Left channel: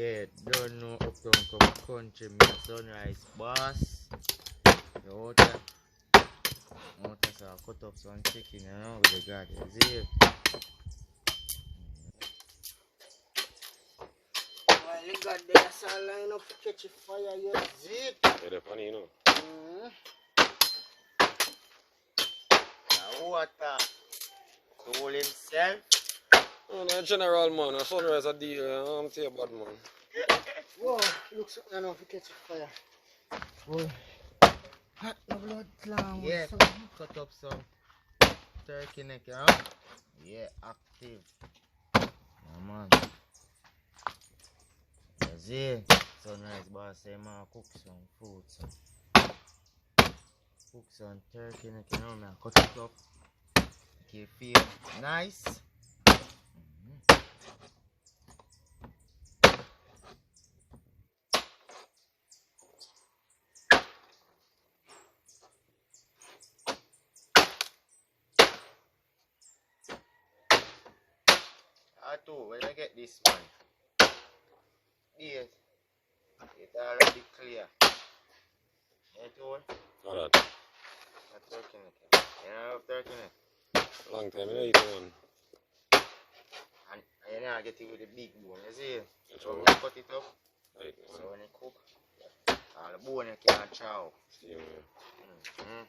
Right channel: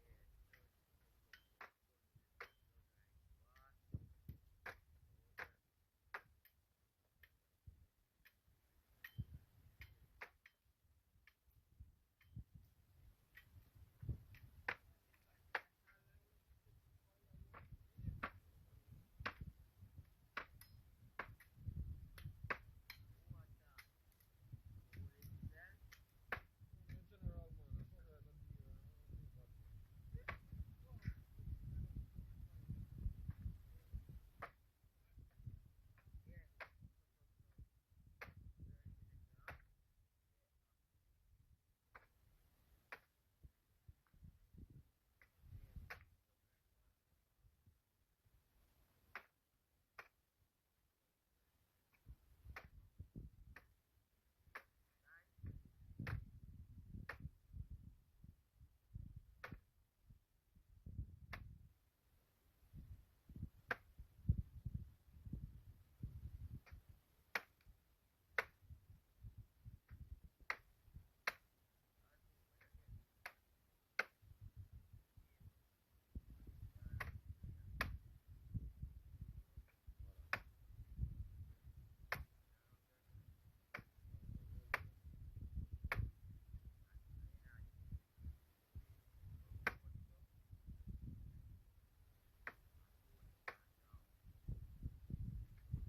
Yeah, don't know Uptown come country, me sunrise boss. The water, so I cut up some chicken, with the garden. See it? While you got there, so line up to catch a fire, you zip. Yeah, they're funny, you know. The water, cool himself. Oh, no, general man, a sunrise a deal, I'm tell you bad man. Whoa, looks enough to catch a fire. Whoa. Hot no blood clown. Yeah, cut up some turkey neck, Yeah, active. Yeah, man. You see? Sunrise boss say, man, cook some food, so. Cook some turkey neck, man. Cut it up. Make it feel nice. When I get this one, yes, it's already clear. All that. Turkey neck. You know turkey neck? Long time, you know, eat one. And you know I get it with the big bone, you see? That's So all we right. cut it up. Right. So when you cook, all the bone you can't chow. See you, man.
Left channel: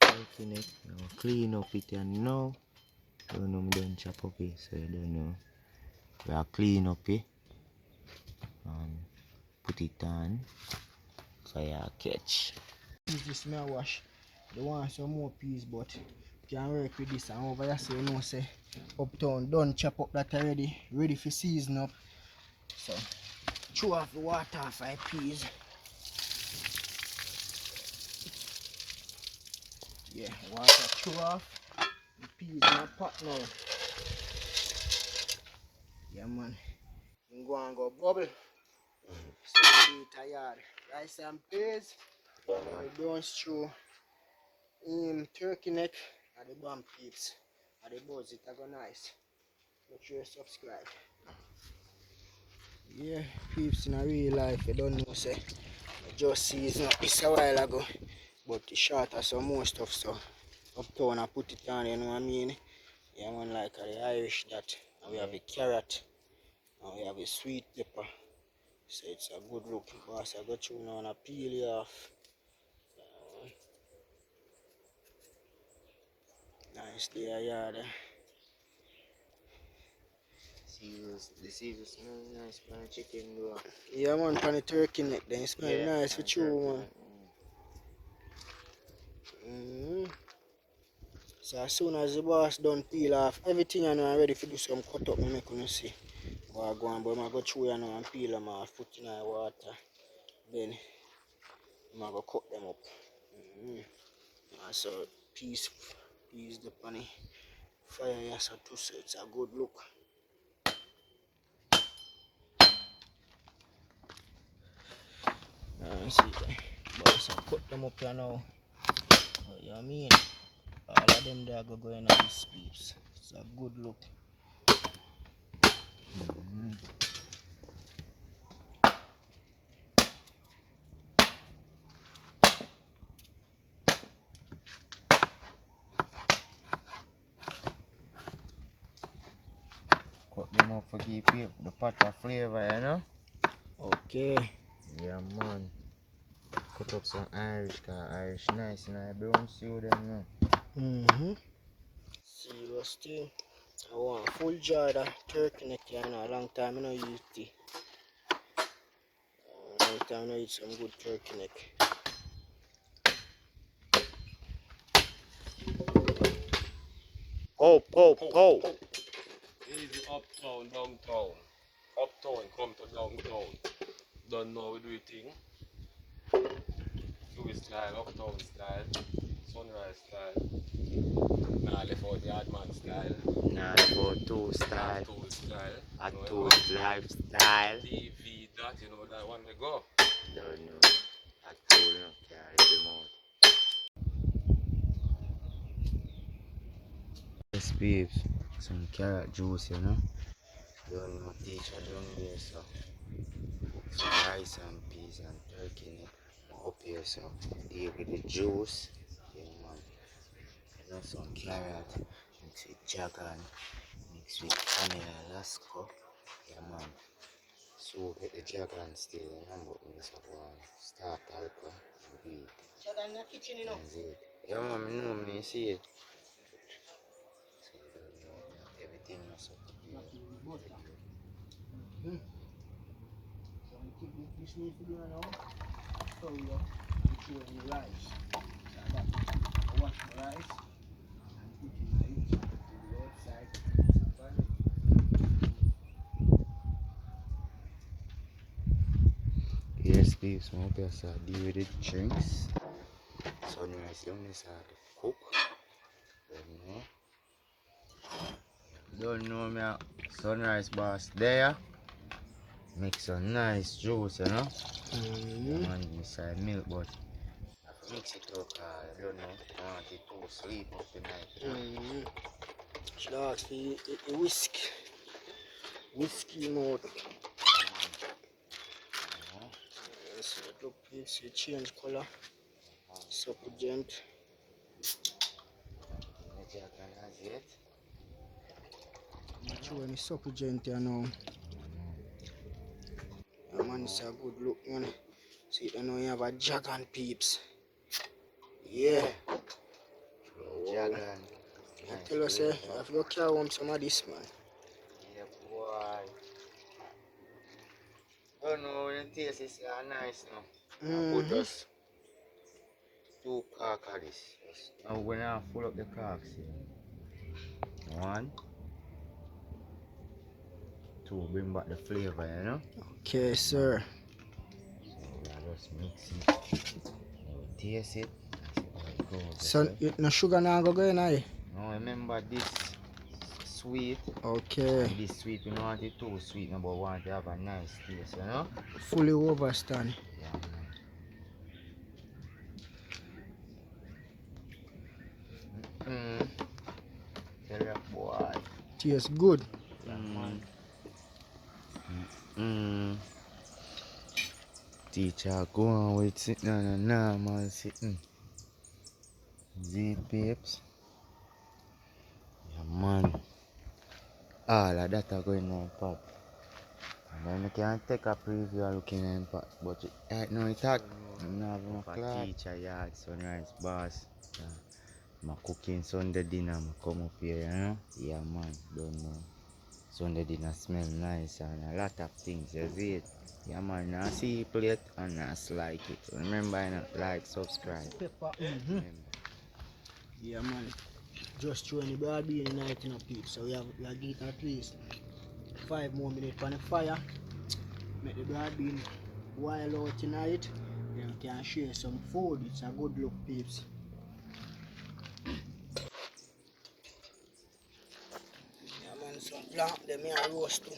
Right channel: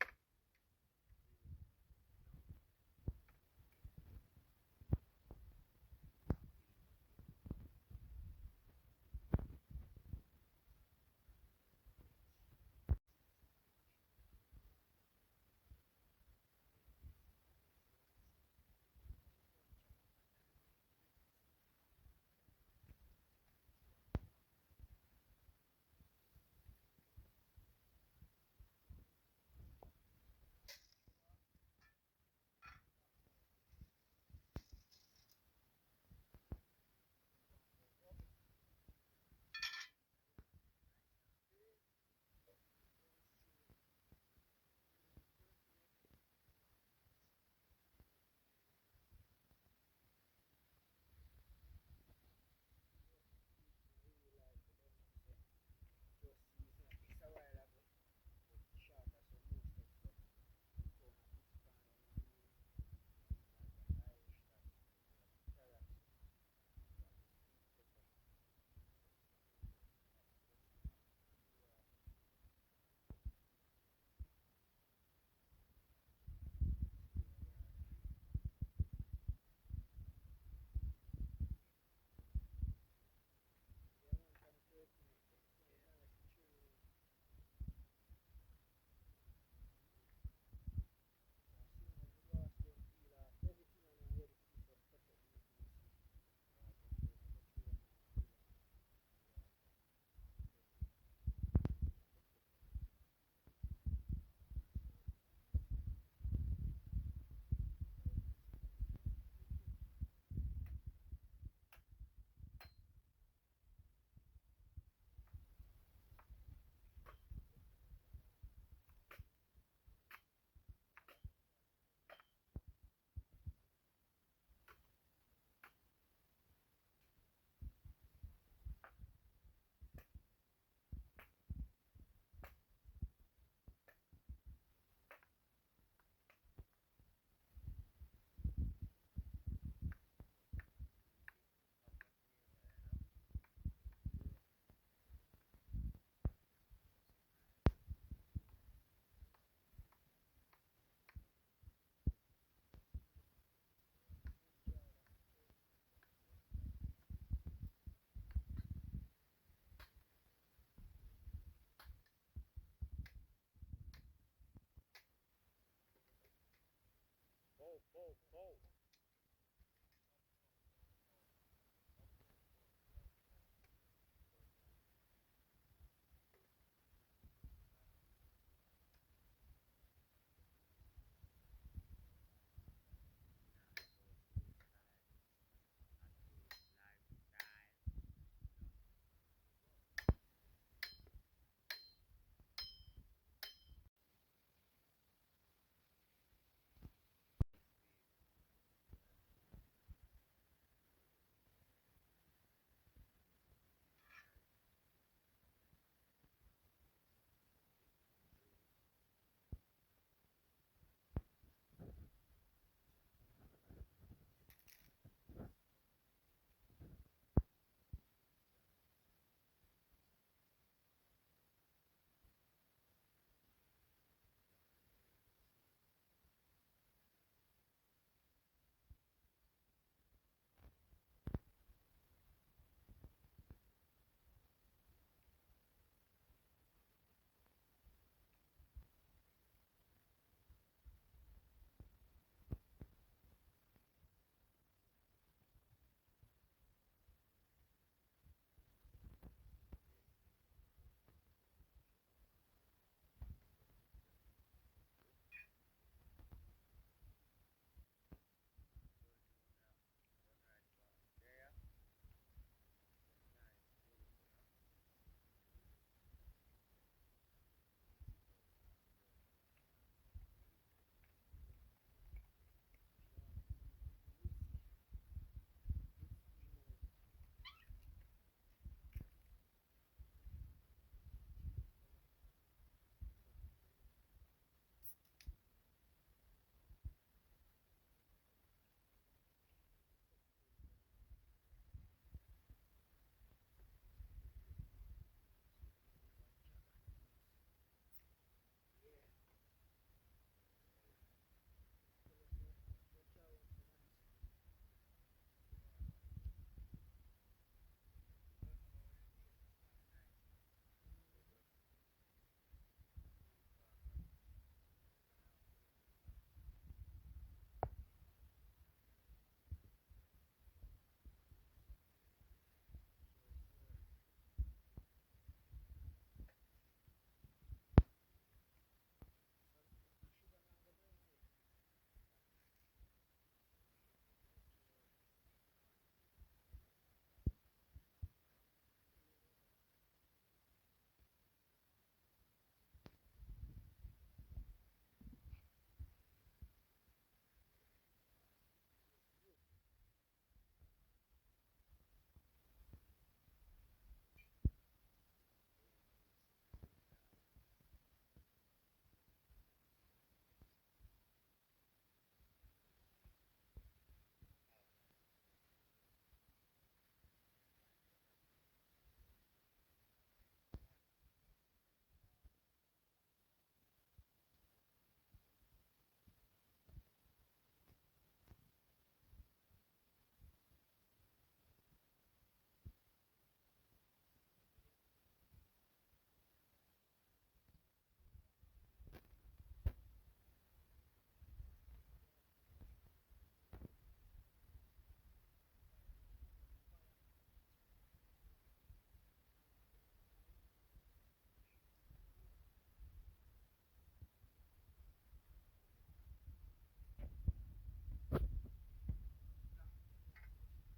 Turkey neck. Now clean up it and now. Don't know me don't chop up it, so you don't know. We are clean up it and put it on fire catch. This may wash. They want some more peas, but can work with this. And over here, so you know, say Uptown done chop up that already, ready for season up. So, throw off the water off my peas. Yeah, water throw off. The peas in a pot now. Yeah, man. You go and go bubble. So, we tired. Rice and peas. We brown stew. Turkey neck and the bomb peeps. And the buzz, it go nice. Make sure you subscribe. Yeah, peeps in a real life, you don't know, say. I just see it's not this a while ago. But it's short of some more stuff, so Uptown I put it on, you know what I mean? Yeah, man, like the Irish that. And we have a carrot. And we have a sweet pepper. So it's a good look. Boss, I got you now and I peel it off. Nice there, yeah. The Caesar smell nice for the chicken though. Yeah, man, for the turkey neck, then it smell nice for you, man. So as soon as the boss done peel off everything, I know I'm ready to do some cut up, I make you see. But I go and but I go through you know and peel them off, put in the water. Then I go cut them up. And so peas the funny fire here so too, so it's a good look. See boss, I cut them up here now. What you mean? All of them there go in on these peeps. It's a good look. Cut them up for keep the pot of flavor, you know? Okay. Yeah, man. Cut up some Irish, cause Irish nice, you know? I brown stew them, you know? Serious thing. I want full jar of turkey neck, you know, a long time I don't eat it. Long time I eat some good turkey neck. Easy uptown, downtown. Uptown, come to downtown. Don't know we do it thing. Louis style, uptown style, sunrise style. Nah, left out the hard man style. Nah, for two style. Tool style. A You know, two lifestyle. TV that, you know that one we go. Don't know. A two no carry them out. Yes, babes. Some carrot juice, you know. Don't know teacher down there, so. Some rice and peas and turkey in it. Up here, so. Deal with the juice. Yeah, man. You know, some carrot. Mix with jagan. Mix with vanilla lasco. Yeah, man. So with the jagan still, you know, but we just have one start alcohol and weed. Jagan in the kitchen, you know. That's it. Yeah, man, I know, me see it. So you don't know that everything must up to be Butter. So we take this need to do now. So we have to throw in the rice. So I got to wash the rice and put in my it to the outside. yes, please, so hope you start deal with the drinks. Sunrise down there start to cook. Don't know me, sunrise boss there. Make some nice juice, you know. Man, inside milk, but I have to mix it up. I don't know. I want it to sleep up the night. You know? Should I ask for the whiskey mode. So look, please, you change color. Supplement. The jagan has it. I'm not sure any supplement here now. Yeah, man, it's a good look, man. See, you know, you have a jagan peeps. Yeah. Jagan. I tell you, say, you have to go carry home some of this, man. Yeah, boy. Don't know when the taste is nice now. Put just 2 cork of this. Now when I full up the corks here. 1, 2, bring back the flavor, you know. Okay, sir. So we just mix it. Taste it. And see how it goes. So, you no sugar now go in, aye? Now remember this sweet. Okay. And this sweet, we don't want it too sweet, no, but we want to have a nice taste, you know. Fully overstand. Yeah, man. Tell you, boy. Tastes good. Teacher go on with sitting on a normal sitting. Z babes. Yeah, man. All of that are going on pot. And then you can take a preview of looking at pot. But right now it's hot. I'm not having a clock. Teacher yard, sunrise boss. I'm cooking Sunday dinner. I come up here, you know. Yeah, man. Don't know. Sunday dinner smell nice and a lot of things, you see it? Yeah, man, now see plate and now like it. Remember, you know, like, subscribe. Pepper. Remember. Yeah, man. Just throwing the broad bean in night in a peep. So we have get at least 5 more minutes on the fire. Make the broad bean boil out tonight. Then we can share some food. It's a good look, peeps. Yeah, man, some plant them here roast too.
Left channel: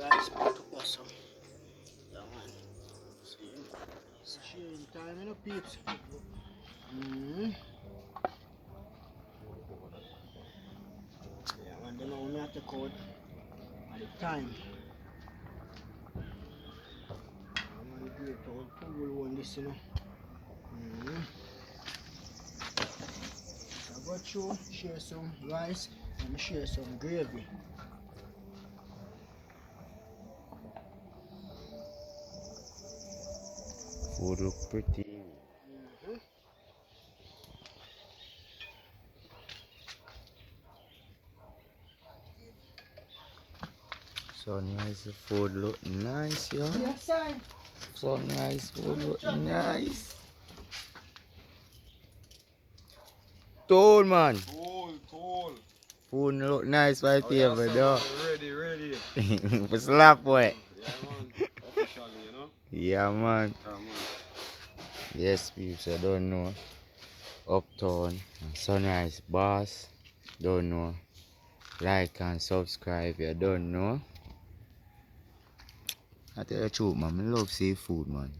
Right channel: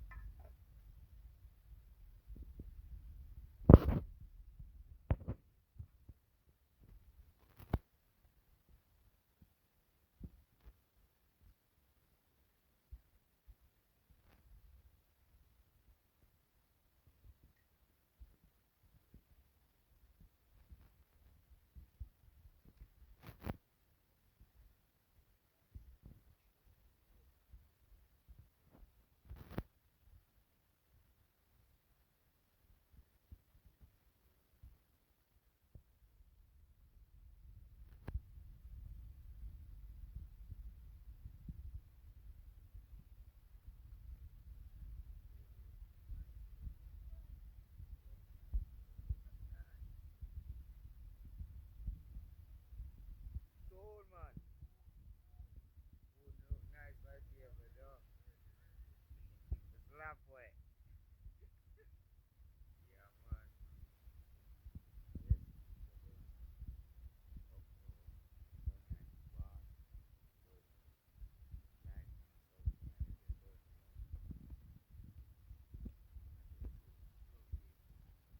Rice pot also. Yeah, man. See, it's sharing time, you know, peeps. Yeah, man, them are only have to code at the time. Yeah, man, great old pool one this, you know. So I go through, share some rice, and share some gravy. Food look pretty. Sunrise food look nice, yo. Yes, sir. Sunrise food look nice. Uptown, man. Cool. Food look nice right Oh, here, yeah, but so, dog. ready. For slap, boy. Yeah, man. Officially, you know? Yeah, man. Yeah, man. Yes, peeps, I don't know. Uptown, Sunrise Boss. Don't know. Like and subscribe, you don't know. I tell you the truth, man. I love seafood, man.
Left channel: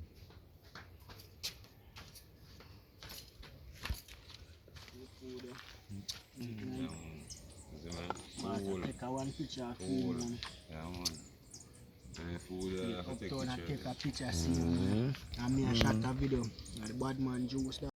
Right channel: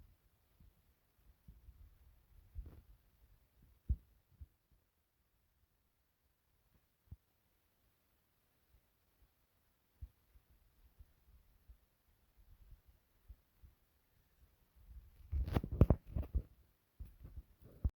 Man, take a one picture of food, man. Yeah, man. Food, Uptown and take a picture, see, Mm. man. And me a shot a video. And the bad man juice.